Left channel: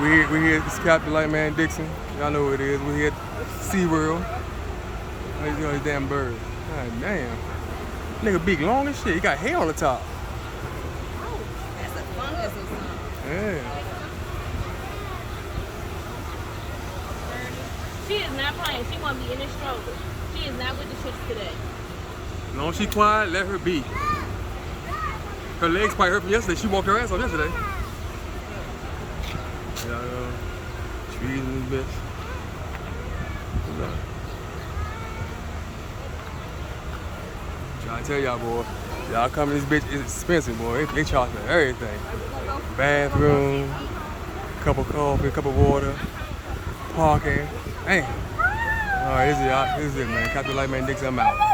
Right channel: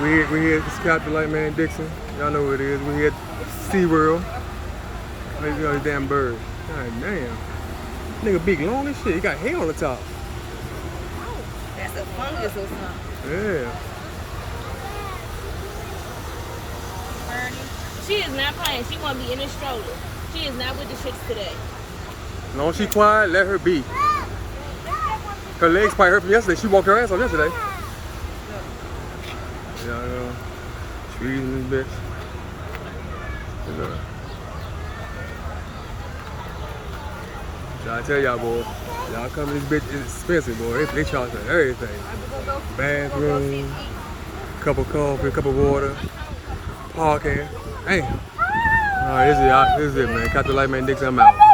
We here at Captain Lightman Dixon. Y'all know what it is. We here at SeaWorld. Look at these damn birds. God damn. Nigga big long as shit. He got hair on the top. Oh, that's a fungus or something. Yeah. She is not playing. She gonna be in a stroller. She is not with the shits today. As long as she quiet, let her be. Her legs probably hurt from yesterday. She walked her ass off yesterday. Yeah, squeezing this bitch. So I tell y'all, boy, y'all come to this bitch, it's expensive, boy. They charge for everything. Bathroom, cup of coffee, cup of water, parking. Damn. All right, this is it, man. Captain Lightman Dixon, I'm out.